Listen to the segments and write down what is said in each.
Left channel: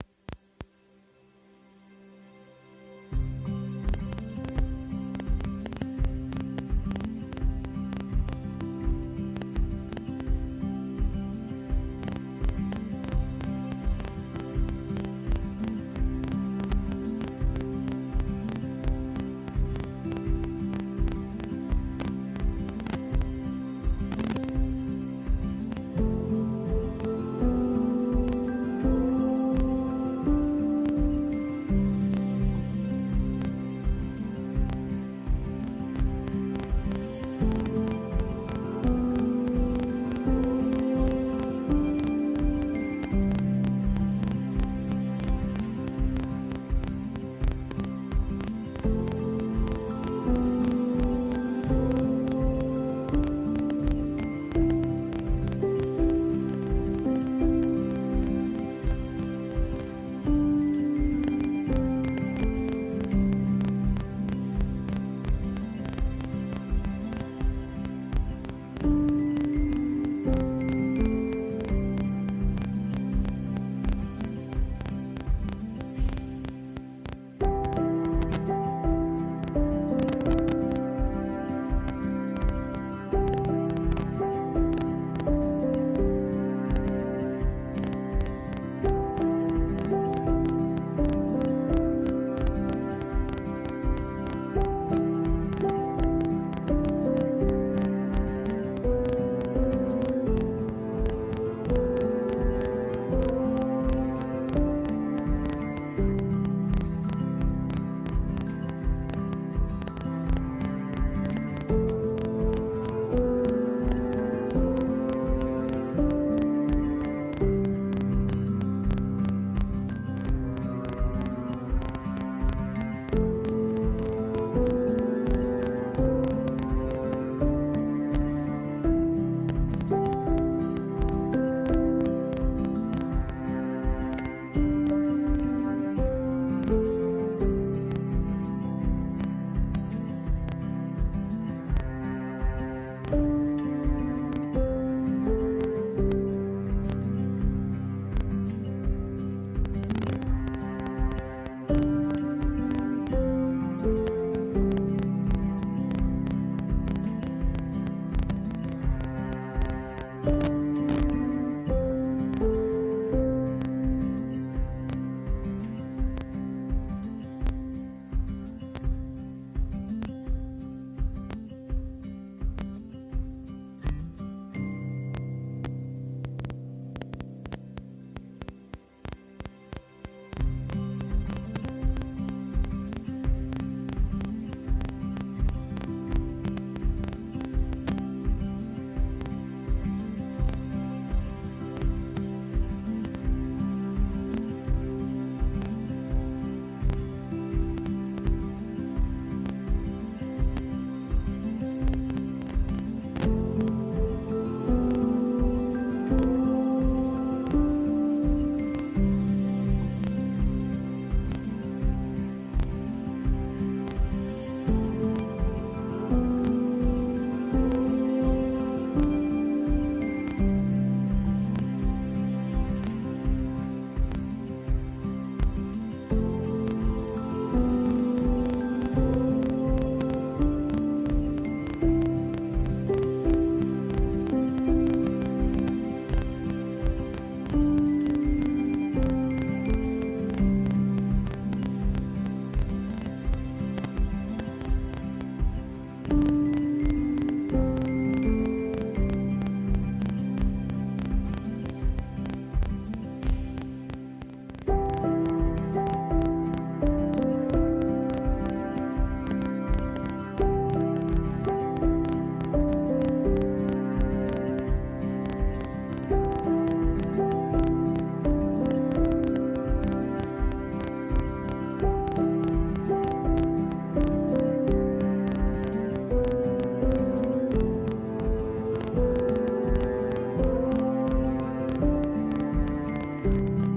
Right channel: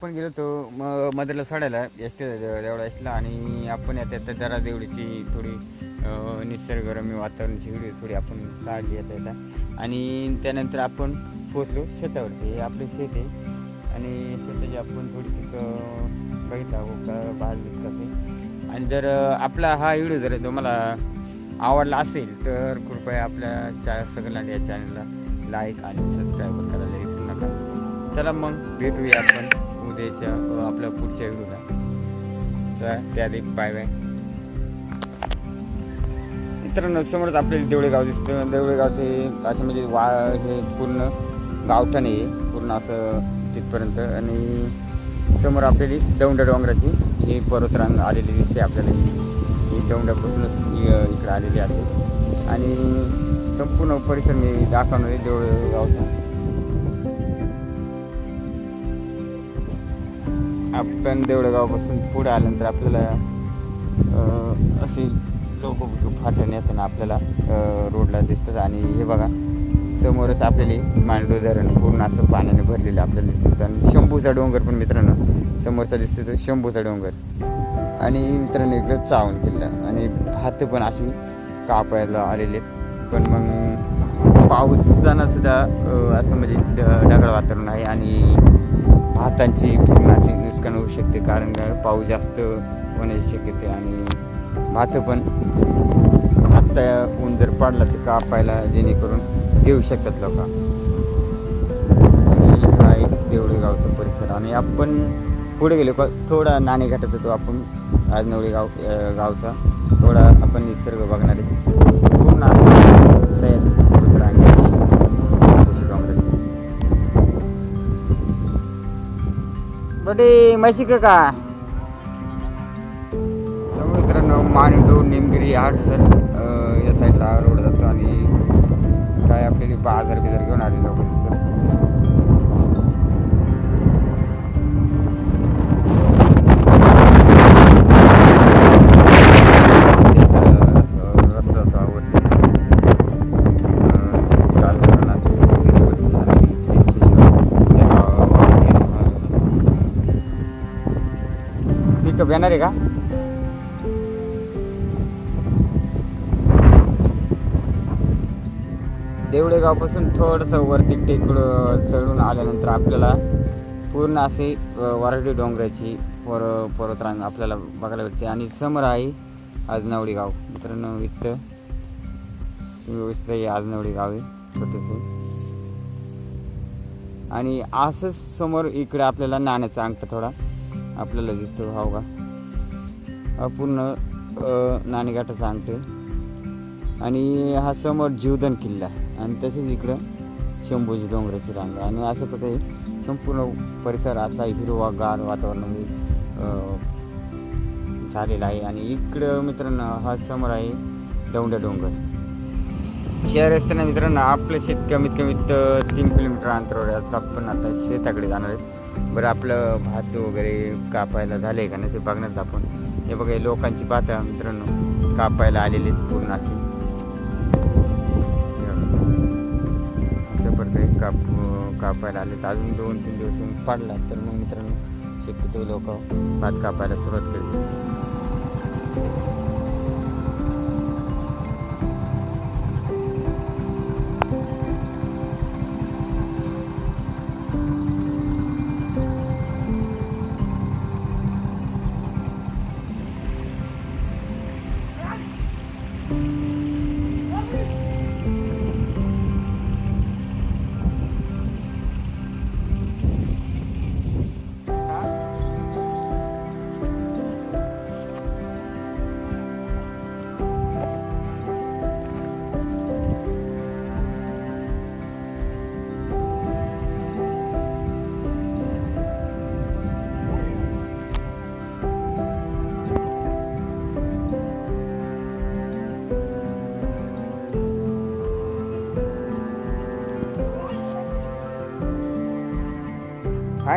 आपण गेलो तो मदरला सोडायला एस टी देवळा एसला आणि आपण येतात जरा देवळीची थोडी निसर्गरम्य वातावरणची थोडी आपण काढली येता. आणि त्यानंतर आपण पोचलो शेतावरती. हे आपले शेत आहे. आणि शेताची आपण थोडी बघितलं आहोत भाजी आणि जर आपला हा व्हिडिओ जर तुम्हाला आवडला असेल तर कृपया आपल्या चा सगळ्या या चॅनलला लाईक आणि सबस्क्राईब करायला विसरू नका. चला मग भेटूया आपण. त्याच्या आपल्या पुढच्या व्हिडिओला चला त्याआधी बाय बाय मित्रांनो समोरच आपल्याला देवळे गाव दिसतं देवळेगावचे असं म्हणजे वा हे पूर्ण गावठाण आहे पूर्ण असं तिथपर्यंत. आणि समोर आपल्याली दौंड डोंगराची ही पर्वतरांग आलेली दिसते आपल्याला. ही दौंडापासूनच इकडे आलेली असेल आणि संपूर्ण परिसर मी दाखवणार आहे देवळगावचा. आपण देवळगावपासून पुढे आल्यानंतर आपल्याला असे लोक फाटण येताना आपल्याला रोडला दिसतात आणि हे बघा समोरच आपल्याला मांडो धरण पूर्ण असं पाण्याने भरलेलं आपल्याला दिसतं. आणि शंभूचा डोंगर पण मित्रांनो समोरचा दिसतो तो शंभूचा डोंगर. आणि मित्रांनो इकडं चावून केलं आणि हात पण असे कापायला आलेले पण मग पावसानं सुद्धा असं म्हणजे ढ- ढगाळ वातावरण आहे. आणि हातांची पूर्ण अशी शकते कारण का पाऊस जास्त होण्याची शक्यता आणि भात पण आत्ता ऊन जर पडला तर कापायला जेणेकरून घेऊ शकतात लोक. हा एक देवळी गावचा परिसर आणि आपण पुढे गेलो का थोडा नाणे घाटात होतो आपण. आज नवळी गाव गावचा. थोडा आपण निसर्ग बघणार आहे. पूर्ण असं सह्याद्रीची. बटे म्हशी का? मित्रांनो मांडू निमगिरी हाडसर या साईडला रोड जातो आणि काय आपल्याला बाजार बिजार घेऊन आले लोक बॅनर येणार आहे का? देवडेगावपासून थोडंसं वरती टेकडं चढून आल्यानंतर आपल्याला पूर्ण असे वराठी डोंगराची पर पर्वतरांग आपल्याला बघायला भेटते. आणि समोर आहे आजनावडी गाव. मित्रांनो वित्त व्यवस्थित आहे. आजनावडी गाव आहे छोटंसं. आणि असंच समोर इकडे आपल्याला नाण्याचा अंगठा थोडा. आपल्याला दिसतो भाव का? पूर्ण अ, नाणेघाटाचा आणि हा समोर जीवदान किल्ला आहे. आणि तसेच इकडं शंभूजी डोंगराची रांग आणि अशा प्रकारे संपूर्ण परिसर असा हिरवागार वातावरण झालेला आहे. आणि इकडं मित्रांनो हा समोर आहे दौंड्या डोंगर. शहर असताना मित्रांनो आपलं शेत कमीत कमीत तीन किलोमीटर अंतरावर आहे. आता आपण आता शेताकडे जाणार आहे. बरं आपलं भात वगैरे कापायला झालं आहे का नाही ते बघण्यात आपण. हे बघा लोकांची भात मित्रांनो. कापायला आलेली आहेत पूर्ण असेल प्रकारे काप कापायला आले अजून दोन तीन दिवस पाडला. तर मग मित्रांनो शक्यतो लोक भात कापायला सुरुवात केली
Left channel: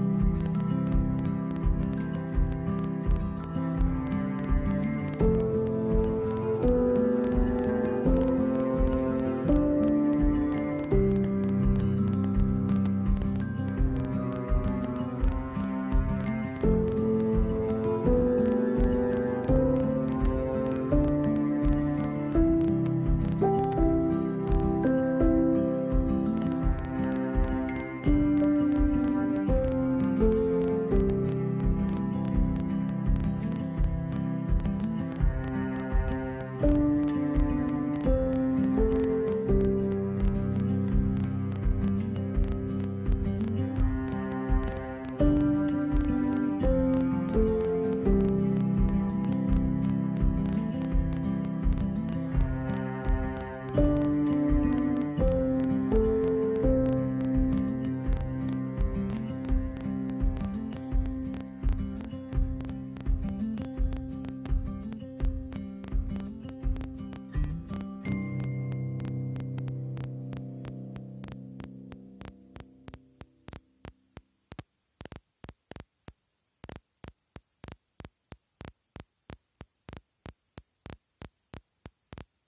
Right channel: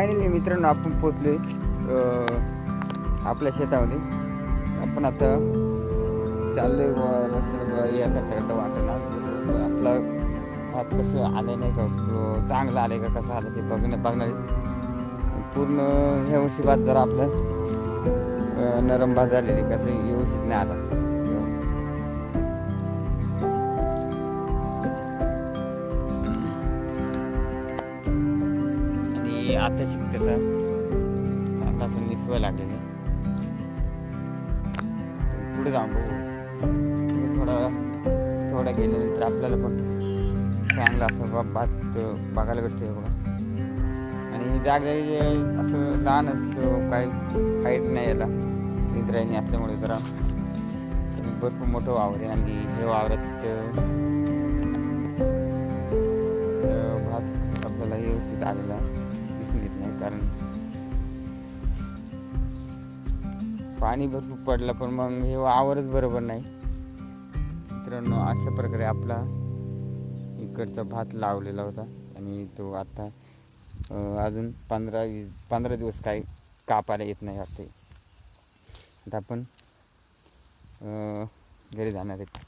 फायनली मित्रांनो आपण पोचलो आपल्या शेतामध्ये. आपण आता चाललोय व- करता वाटत आपला भात कसं आलं नाही का? चांगलं आलं का? कसं आलं ते बघण्यात बघणार पूर्ण ह्या वर्षी भात जरा आपलं नरम भात झालेली कसं व्यवस्थित नाही आलं. आता शिकतेचा आता असं निसवा लागेल थोडं थोडं गेल्यानंतर आपल्याला पण चांगला असं बाबा बघायला भेटते आणि ही जागा असं लहान असं काही हाईट नाही याला मित्रांनी असल्यामुळे जरा भरपूर मोठं वावर आहे आणि हे वावरात पाणी भरपूर पडलं पण मग हे वावरच बरोबर नाही. मित्रांनो अशा प्रकारे आपला इकडचा भात लावलेला होता आणि तो आता अजून पंधरा वीस पंधरा दिवस काही कापायला येत नाही वाटते आता आपण घरी जाणार आहेत.